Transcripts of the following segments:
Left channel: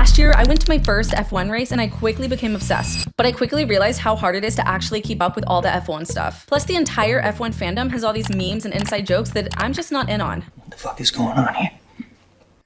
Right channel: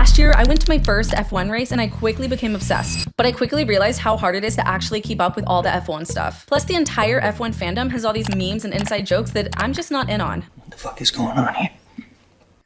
Last year, I went to my first F1 race and I quickly became obsessed. But I quickly realized how hard it is to actually keep up with all the F1 stuff. Plus, the entire F1 fandom has all these memes and inside jokes that I'm just not in on. What the fuck is going on here?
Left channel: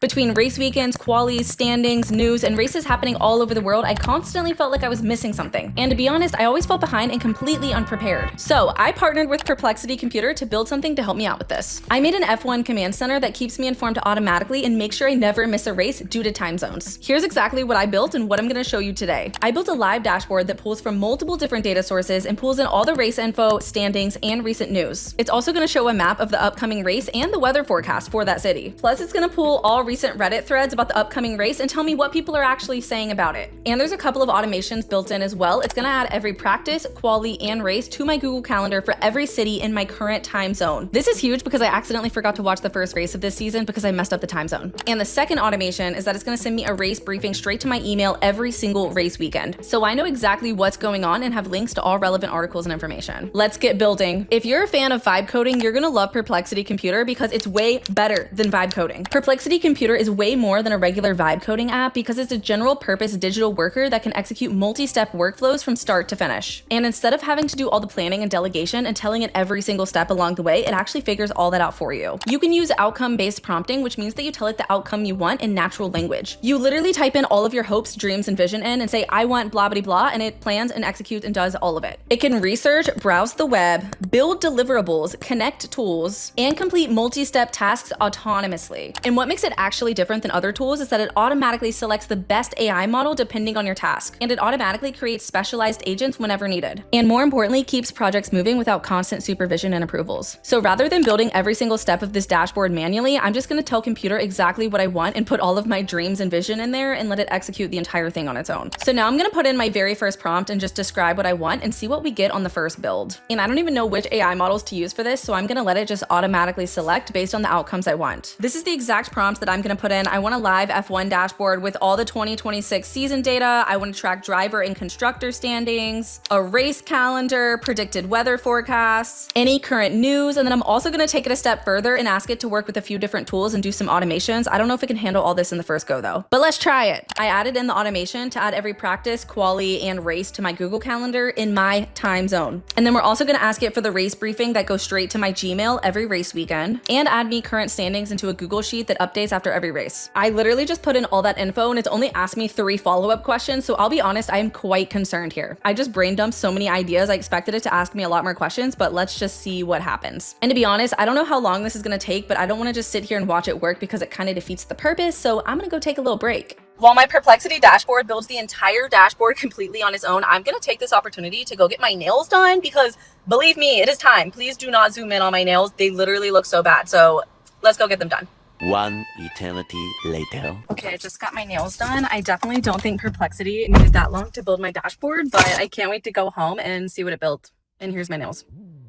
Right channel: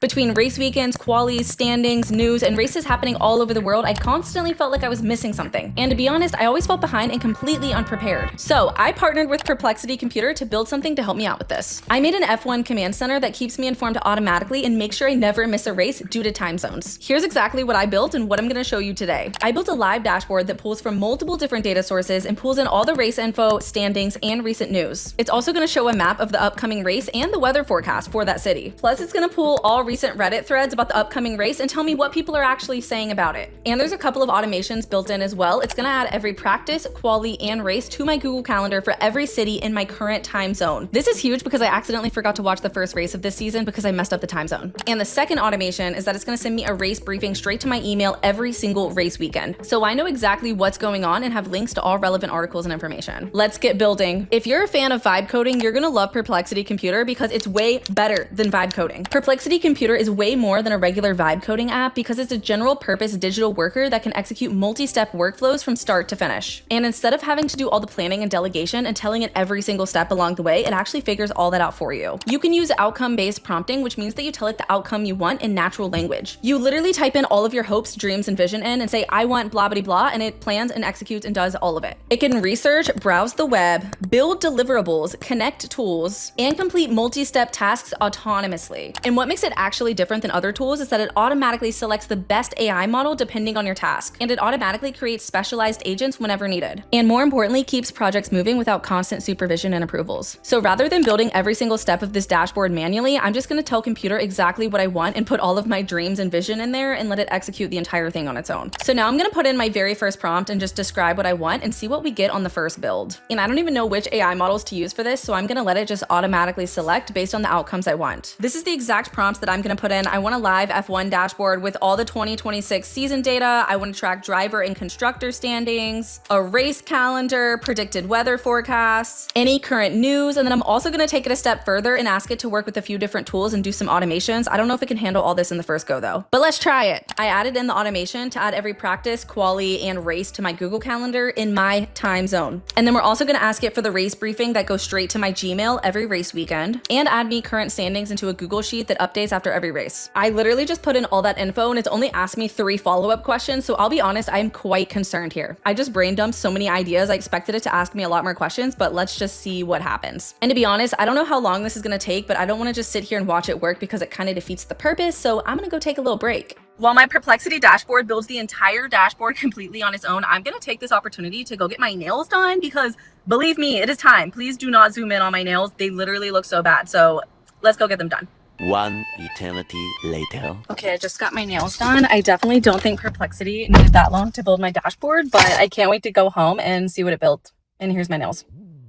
Between race weekends, qualies, standings, news, and races happening all over the world, I constantly felt like I was missing something. And to be honest, I always felt behind and completely unprepared. So I partnered with Perplexity Computer to build something to help me out with this. I made an F1 command center that keeps me informed automatically and makes sure I never miss a race due to time zones. Here's exactly what I built and what I'm going to show you today. I built a live dashboard that pulls from multiple different data sources and pulls in all the race info, standings, and recent news. It's also going to show a map of the upcoming race and the weather forecast for that city. Plus, it's going to pull all recent Reddit threads about the upcoming race and tell me what people are actually saying about it. And there's a couple of automations built in as well. It's going to add every practice, quali, and race to my Google Calendar for every city in my current time zone. This is huge because I accidentally forgot to watch the first race of this season because I messed up the time zone. And the second automation is that it's going to send me a race briefing straight to my email every single race weekend. So I know exactly what's going on and have links to all relevant articles and information. Let's get building. If you're a fan of vibe coding, you're going to love Perplexity Computer because it's way better than vibe coding. Perplexity Computer is way more than a regular vibe coding app because it's a general purpose digital worker that can execute multi-step workflows from start to finish. And instead of having to do all the planning and delegation and telling it every single step along the way, it actually figures all that out for you. You can use outcome-based prompting, which means that you tell it the outcome you want in natural language. You literally type in all of your hopes, dreams, and vision in and say, I want blah, blah, blah, and it plans and executes and does all of it. It can research, browse the web, build deliverables, connect tools, and complete multi-step tasks autonomously. And what makes it actually different than other tools is that it automatically selects the best AI model depending on your task, and it automatically creates specialized agents whenever needed. And more importantly, keeps projects moving without constant supervision and approvals. So rather than building every single step of this dashboard manually, I'm just going to tell computer exactly what I want and put all of my dreams and vision in there and let it execute the entire thing on its own. So now I'm going to put in my very first prompt and just describe what I want and see what we get on the first build. And I don't even know which AI models to use for this, so I'm going to let it just automatically select based on the outcomes I want. This is the exact prompt that I'm going to put in. I want a live F1 dashboard with all the 2026 season data. I want to track driver and constructor standings, a race calendar, predicted weather forecasts, any current news, and then I'm also going to take it a step further and ask it to work with a few different tools and do some automations. I don't know if it can handle all this in the first go though, but let's try it. I added in the automation to add every practice, quali, and race to my Google Calendar in my time zone. And then we're also going to ask it for the race briefing that goes straight to my Gmail every race weekend and add me current standings into a Google Sheet that updates after every race. I literally just put in all that info and it's only asked me 3 follow-up questions, so I'll be honest, I am quite concerned here. I just brain dumped so many ideas. I expected it to ask me a lot more questions, but let's just see what happens. And to be honest, I don't know how long this is going to take, but I don't want to just sit here and watch it work because it kind of defeats the purpose, so I'm going to go take a little break. While my Perplexity dashboard builds the entire dashboard completely on its own, I'm going to take this opportunity to go get my nails done because believe me, it is time. Please do not zoom in on my nails. They literally look so bad, so let's go get them done. One eternity later. Okay, I just got my nails done. I definitely don't think Perplexity needed that long to build my dashboard, but I can't wait to go home and see what it built. And here's my nails.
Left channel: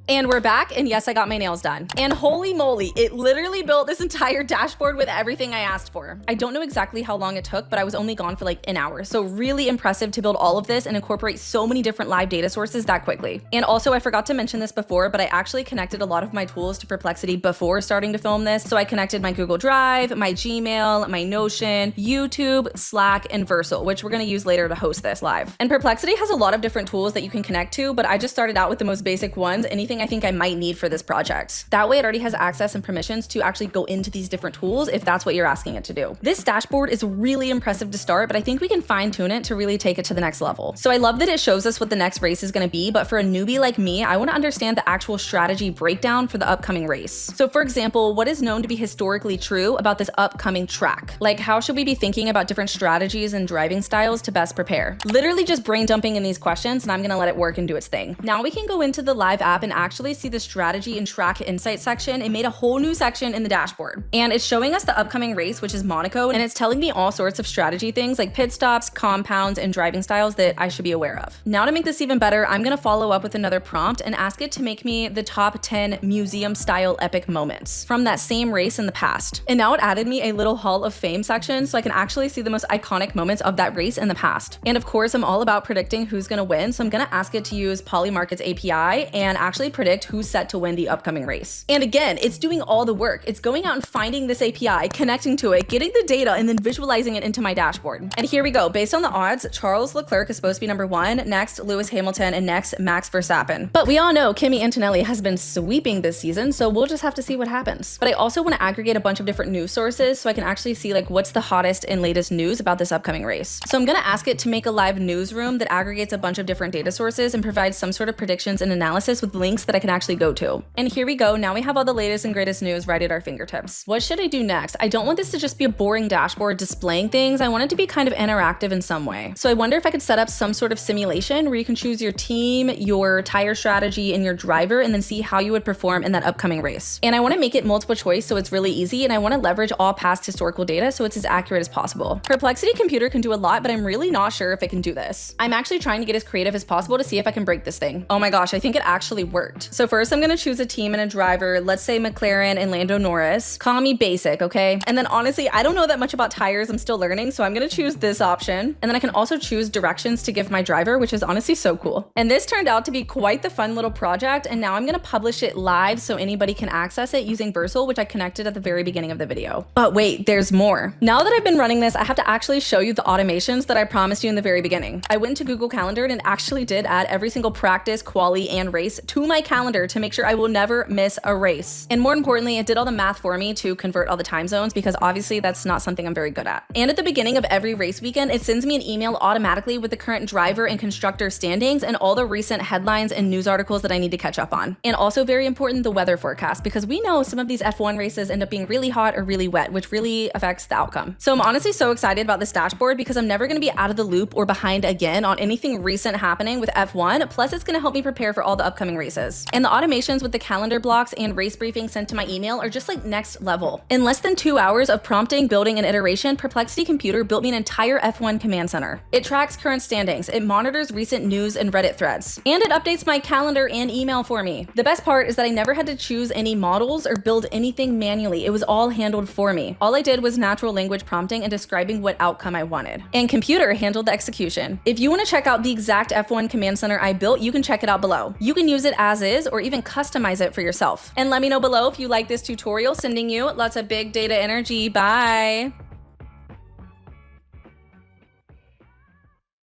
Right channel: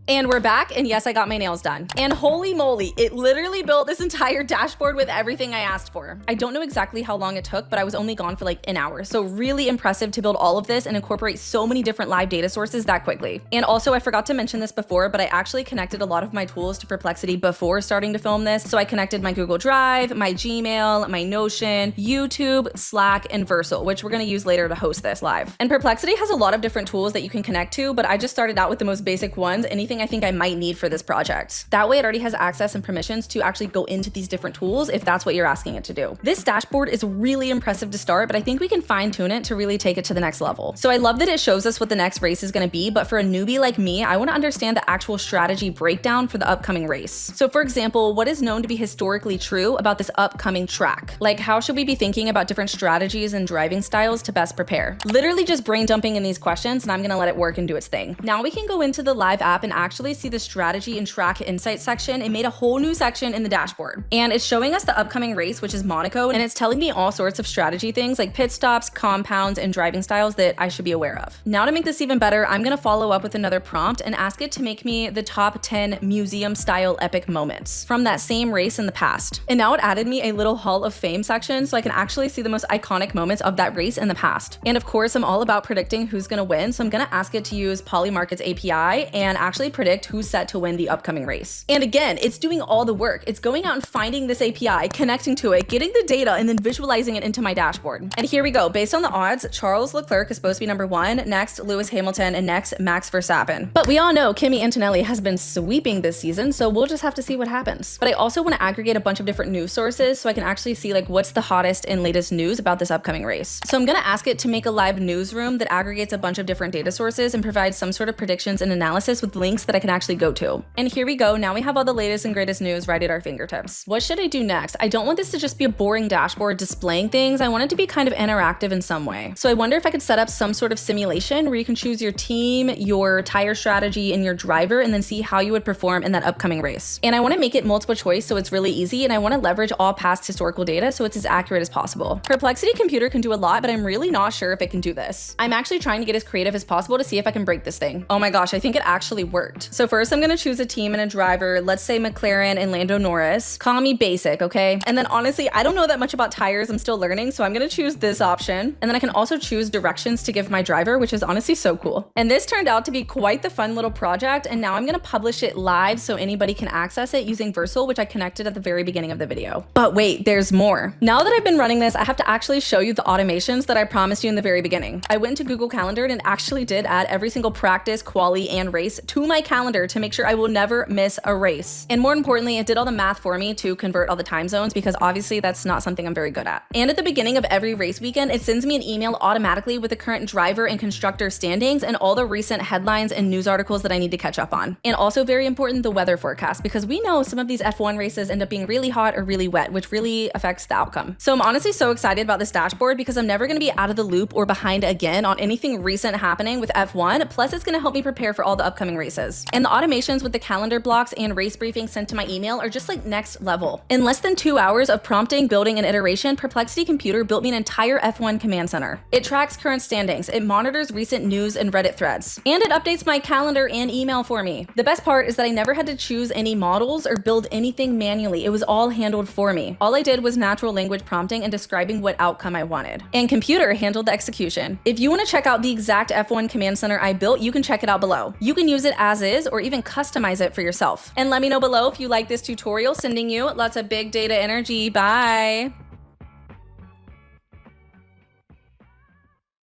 And we're back, and yes, I got my nails done. And holy moly, it literally built this entire dashboard with everything I asked for. I don't know exactly how long it took, but I was only gone for like an hour. So really impressive to build all of this and incorporate so many different live data sources that quickly. And also, I forgot to mention this before, but I actually connected a lot of my tools to Perplexity before starting to film this. So I connected my Google Drive, my Gmail, my Notion, YouTube, Slack, and Versal, which we're gonna use later to host this live. And Perplexity has a lot of different tools that you can connect to, but I just started out with the most basic ones, anything I think I might need for this project. That way it already has access and permissions to actually go into these different tools if that's what you're asking it to do. This dashboard is really impressive to start, but I think we can fine tune it to really take it to the next level. So I love that it shows us what the next race is going to be, but for a newbie like me, I want to understand the actual strategy breakdown for the upcoming race. So for example, what is known to be historically true about this upcoming track? Like how should we be thinking about different strategies and driving styles to best prepare? Literally just brain dumping in these questions and I'm going to let it work and do its thing. Now we can go into the live app and actually see the strategy and track insight section. It made a whole new section in the dashboard and it's showing us the upcoming race, which is Monaco, and it's telling me all sorts of strategy things like pit stops, compounds, and driving styles that I should be aware of. Now to make this even better, I'm going to follow up with another prompt and ask it to make me the top 10 museum style epic moments from that same race in the past. And now it added me a little Hall of Fame section so I can actually see the most iconic moments of that race in the past. And of course, I'm all about predicting who's going to win, so I'm going to ask it to use Polymarket's API and actually predict who's set to win the upcoming race. And again, it's doing all the work. It's going out and finding this API, connecting to it, getting the data, and then visualizing it into my dashboard. And here we go. Based on the odds, Charles Leclerc is supposed to be number 1, next Lewis Hamilton, and next Max Verstappen. But we all know Kimi Antonelli has been sweeping this season, so we'll just have to see what happens. But I also want to aggregate a bunch of different news sources so I can actually see like what's the hottest and latest news about this upcoming race. So I'm going to ask it to make a live newsroom that aggregates a bunch of different data sources and provides some sort of predictions and analysis with links that I can actually go to. And here we go. Now we have all the latest and greatest news right at our fingertips. What should I do next? I don't want this to just be a boring dashboard displaying things. I want it to be kind of interactive in some way. So I wonder if I could set up some sort of simulation where you can choose your team, your tire strategy, and your driver, and then see how you would perform in that upcoming race. And I want to make it multiple choice so it's really easy, and I want to leverage all past historical data so it's as accurate as possible. Perplexity Computer can do a lot, but I'm really not sure if it can do this. I'm actually trying to get as creative as possible to see if I can break this thing. Oh my gosh, I think it actually worked. So first I'm going to choose a team and a driver. Let's say McLaren and Lando Norris. Call me basic, okay? And then honestly, I don't know that much about tires. I'm still learning, so I'm going to choose this option. And then I can also choose directions to give my driver, which is honestly so cool. And this turned out to be quite the fun little project, and now I'm going to publish it live so anybody can access it using Versal, which I connected at the very beginning of the video. But wait, there's more. Now that I've been running this, I have to actually show you the automations that I promised you in the very beginning. I went to Google Calendar and actually did add every single practice, quali, and race to my calendar to make sure I will never miss a race. And more importantly, it did all the math for me to convert all the time zones because obviously that's not something I'm very good at. And at the beginning of every race weekend, it sends me an email automatically with the current driver and constructor standings and all the recent headlines and news articles that I need to catch up on. And also very important, the weather forecast, because we know some of these F1 races end up being really hot or really wet, which really affects the outcome. So I'm honestly so excited about this dashboard because I'm never going to be out of the loop or behind again on anything recent happening with F1. Plus, it's going to help me prepare for all the upcoming races. And the automations with the calendar blocks and race briefings sent to my email are just like next level. In less than 2 hours of prompting, building, and iteration, Perplexity Computer built me an entire F1 command center. It tracks current standings, it monitors recent news and Reddit threads, and it updates my calendar and email for me. The best part is that I never had to choose any models or build anything manually. It was all handled for me. All I did was natural language prompting and describing what outcome I wanted. And Computer handled the execution. If you want to check out the exact F1 command center I built, you can check it out below. You can use it as is or even customize it for yourself. And let me know below if you like this tutorial. Sending you lots of big data energy. Bye!